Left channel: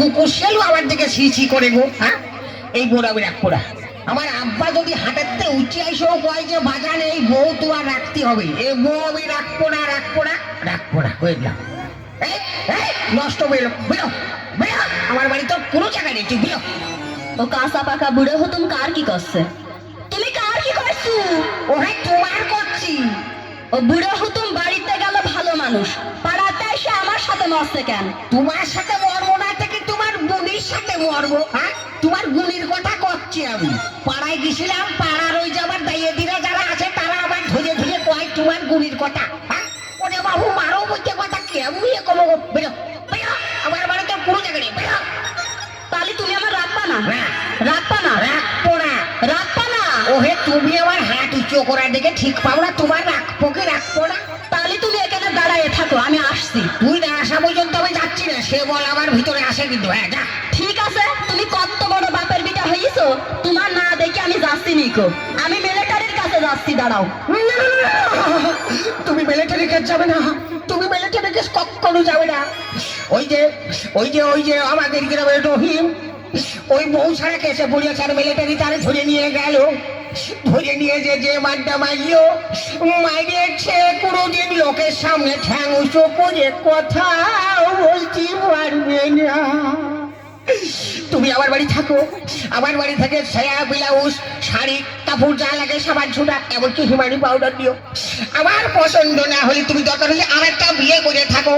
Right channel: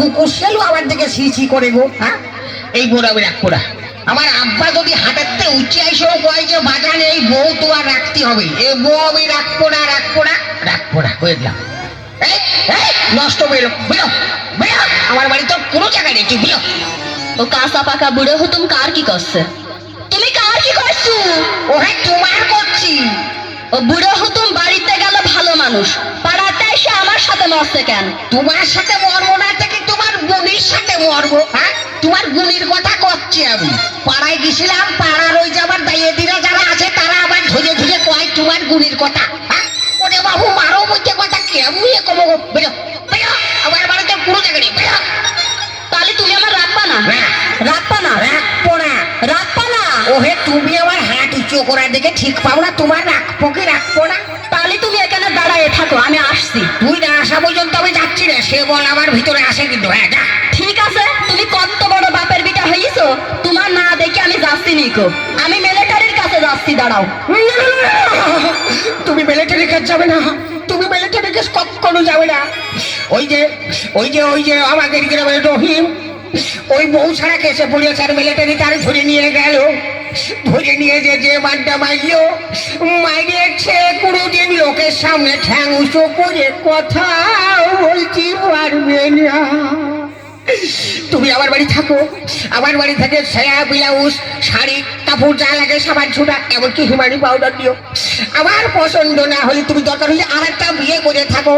কুকুর শেলু আমার দিকে ছি করে গো। হ্যাঁ, এই বড় আমি রাগ করা আমার আব্বা যদি হাঁটাতে উঠে আইসেও কয় যে বাগানে এই বউ তো আর রাখতে হবে, এ বউ আমি রাখবো না কয়ে দিলাম। নষ্ট বেরো বেরো বেরো, আমার বাড়ি তো কোনো জায়গায় নেই, তুই বেরো। ও কাঁচা পাকা বুড়ো হতুম কার কি করছে? তুমি কার কি করছো? ও হ্যাঁ তোমার করছি। ও বুড়ো হতুম বাড়িতে গেল ভালো মানুষ, পাড়াতে এসে আমার সাথে মরছে কেন? তোমার সাথে মরবো না থেকে তোমার গুলির সাথে মরবো। হ্যাঁ, তোমার গুলির কথা করছি আমি। পাড়ায় গেছিলাম, পাড়ার ওই যে আমার দাইয়েদিরা যারা আছে তারা আবার ধরে ধরে কয় তোমার গুলির কথা। হ্যাঁ, ওরে বাবু মারো বলতে কথা কেমন কমো বেরো বেরো, আমার বাড়িতে কোনো জায়গা নেই, বেরো। তাহলে তুমি আমার রাখবা না? রাখবা না? রাখবো না। রাখবা না? ও হে, তুমি আমার হাত উঁচু করার দিকে ঠিক পাও না, তোমার রাখবো কি রাখবো না? তাহলে তুমি এখানে দাঁড়ায় থাকো, আমি আসছি। তুই না আসা পর্যন্ত আমি যাচ্ছি না, সে বল আমার ভিতরে আসে কিন্তু। হ্যাঁ যা। ঠিক আছে, তুমি কত বড় বাপের বিটা হয়েছো, তোমার না দেখে আমি যাচ্ছি নিকো, আমি মিলিটারির কাছে যাচ্ছি, দাঁড়াও। তুমি মিলিটারি কাজ যাবে না, তুমি মিলিটারি কাজ কখনো যাবে না। ওই যে আমাদের গ্রামে রহিম, ওই বউ ছাড়া কেসে পড়িয়েছে আর মিলিটারি তার ধরে নিয়ে গেল। ধরে নিয়ে যে বাড্ডা মাইলো মাইরেছে, কোনোদিন লোকের সামনে ঠ্যাং উঁচু করে কথা বলতে পারবে না। তুমি আমার বাড়ি থাকো, আমার বাড়ি থেকে সায়া ব্লাউজ শাড়ি কাপড় যা লাগে সাবান ছোটা এমনকি হিমানি পাউডার দিও। আমার পছন্দ না হলে তুমি দরকার হলে আরেকটা বিয়ে করে থাকো,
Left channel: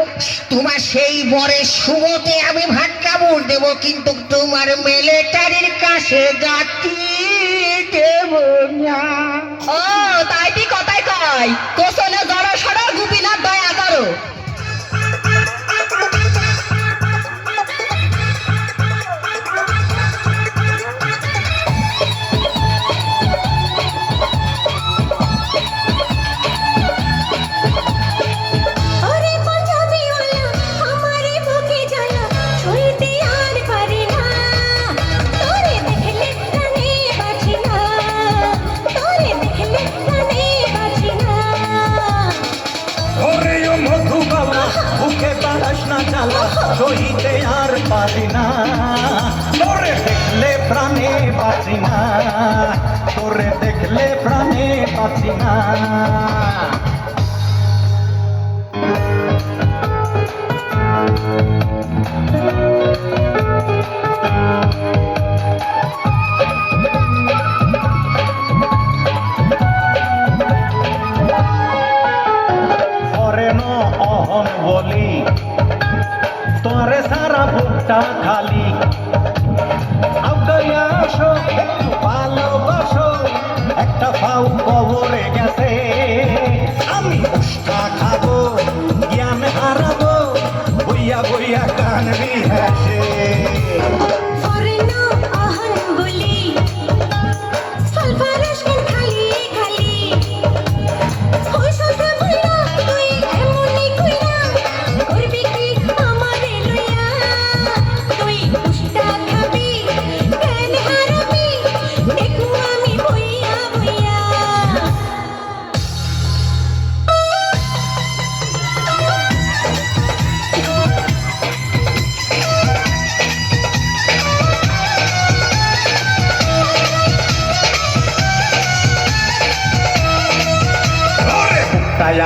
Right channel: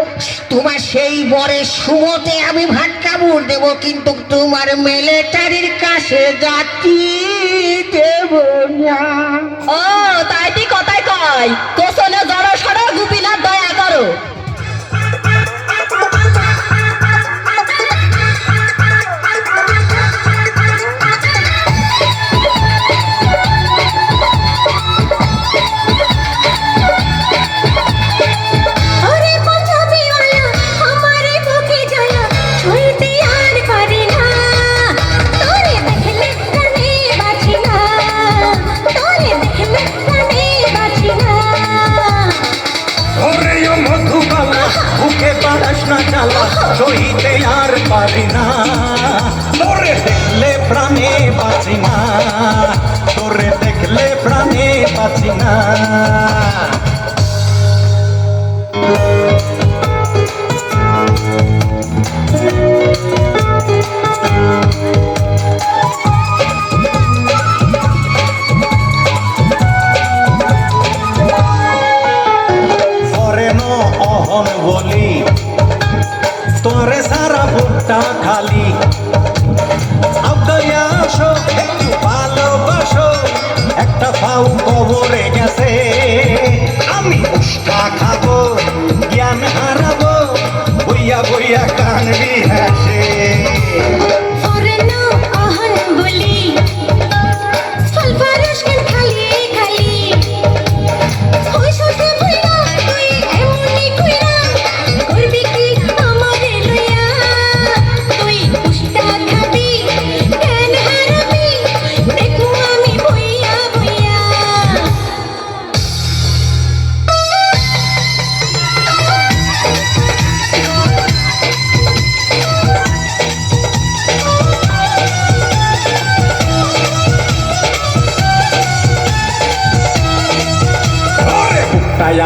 তোমার সেই বরের শুভতে আমি ভাত কাপড় দেবো, কিন্তু তোমার মিলিটারির কাছে যাচ্ছি দেব না। ও তাই তুই কথাই কয়, কোসনে জড়ো সড়ো গুপিনা দয়া করো। সইতে আর পারি না, তোরে দেখলে প্রাণে বাঁচি না, তোরে দেখলে প্রাণে বাঁচি না। অহন বলি তোরে সারা বুকটা খালি, আবগাইয়া আসো একটু ভালোবাসো, একটা পাউ কবরে গেছে, আমি উষ্টা খাবো জ্ঞান হারাবো, বইয়া বইয়া কানবি হাসে।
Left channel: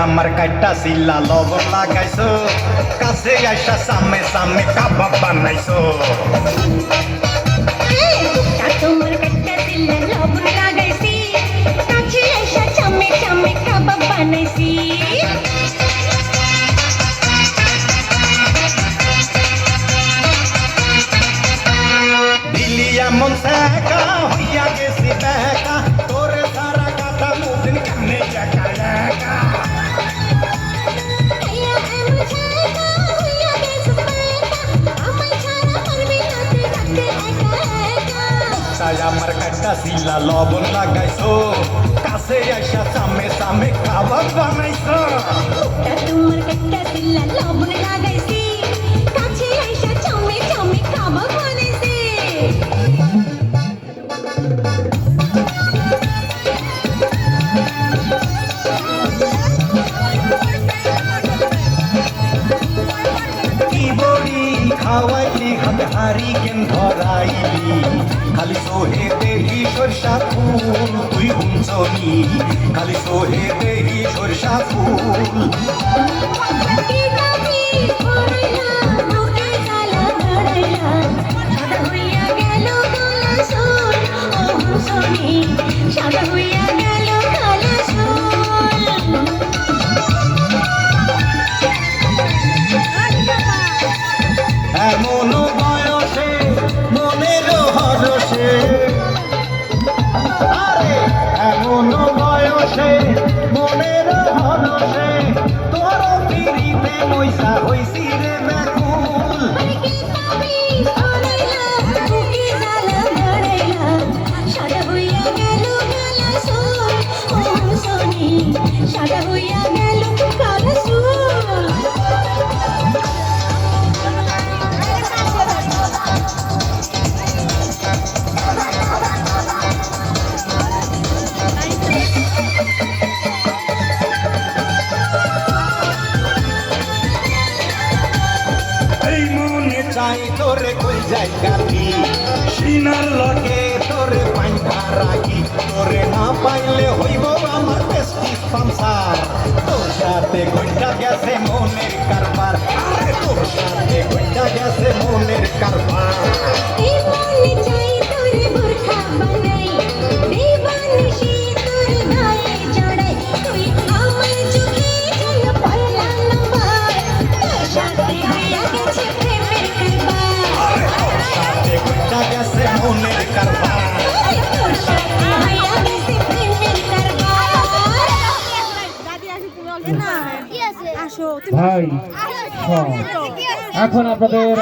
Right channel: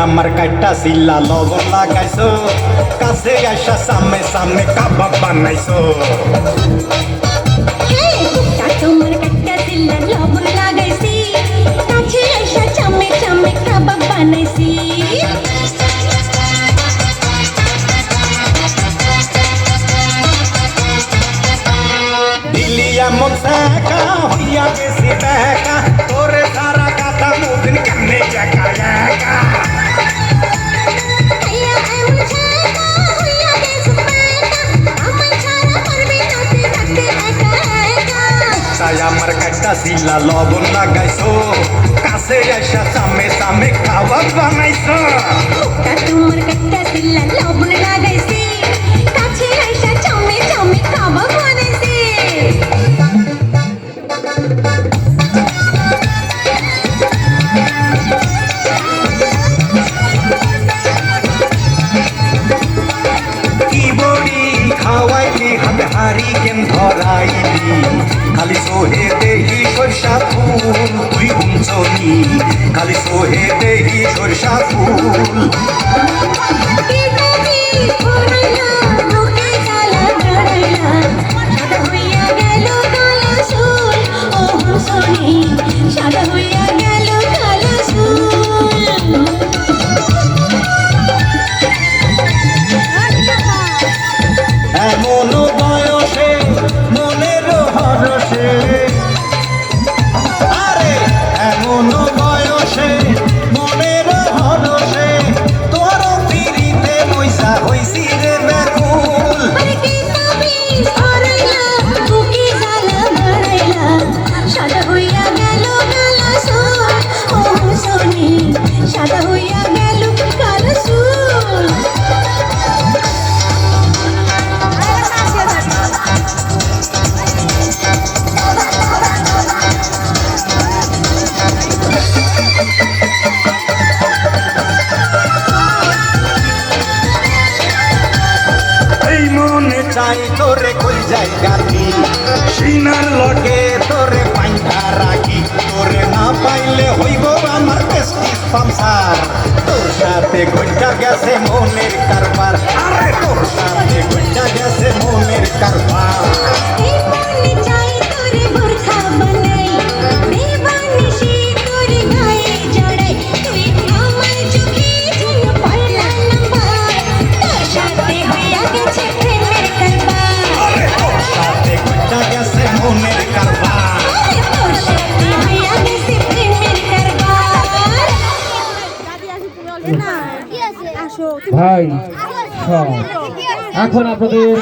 আমার কাইটা সিল্লা লবণ লাগাইছো, কাছে আইসা সামনে সামনে কাবাব বানাইছো। তোমার কাইটা সিল্লা লবণ লাগাইছি, কাছে আইসা সামনে সামনে কাবাব বানাইছি। দিলি এমন শেখা হইয়া বেশি দেখা, তোরে সারা কথা মুদিন কানে জায়গা একা। আমার কাটা সিলা লবণ লাগাইছো, কাছে আইসা সামনে সামনে খাবার বানাইছো। তোমার কাটা সিলা লবণ লাগাইছি, কাছে আইসা সামনে সামনে খাবার বানাইছি। কি বড়ি খাওয়াইলি হাতে প্রেম ধরাইলি খালি সোহে দেহি সরষা ফুল তুই গুঞ্জনি খালি সোহে দেহি সরষা ফুল কি কবি হরাইলা বুকে জ্বালা ধরাইলা সাদা হইয়া গেল কালো সুর ও হুসনি সাদা হইয়া গেল কালো সুর এমন বয়সে মনের হরসে আরে এমন বয়সে মনের হরসে তোর ফিরিতে মইসা হইছি রে ব্যাকুল আরে কি কবি হরাইলা বুকে জ্বালা ধরাইলা সাদা হইয়া গেল কালো সুর ও হুসনি সাদা হইয়া গেল কালো সুর এই মনে চাই তোরে কই যাই গাতি সিনার লগে তোরে পাইটা রাখি তোরে না পাইলে হইব আমার পেস্টিস পামসার তোর সাথে গইটা গেছে মনের কারবার আরে তোর সাথে গইটা গেছে মনের কারবার दीवानी चाहे तोरे बुरखा बनाई दीवानी शी तोरे गाए जड़ाई तुई हमर चुकी जन पहला नंबर तोर साथे होया गेछे प्रेमेर करबार তোর সাথে গইটা গেছে মনের কারবার तोर साथे होया गेछे प्रेमेर करबार ভাই সব এখন আপনাদের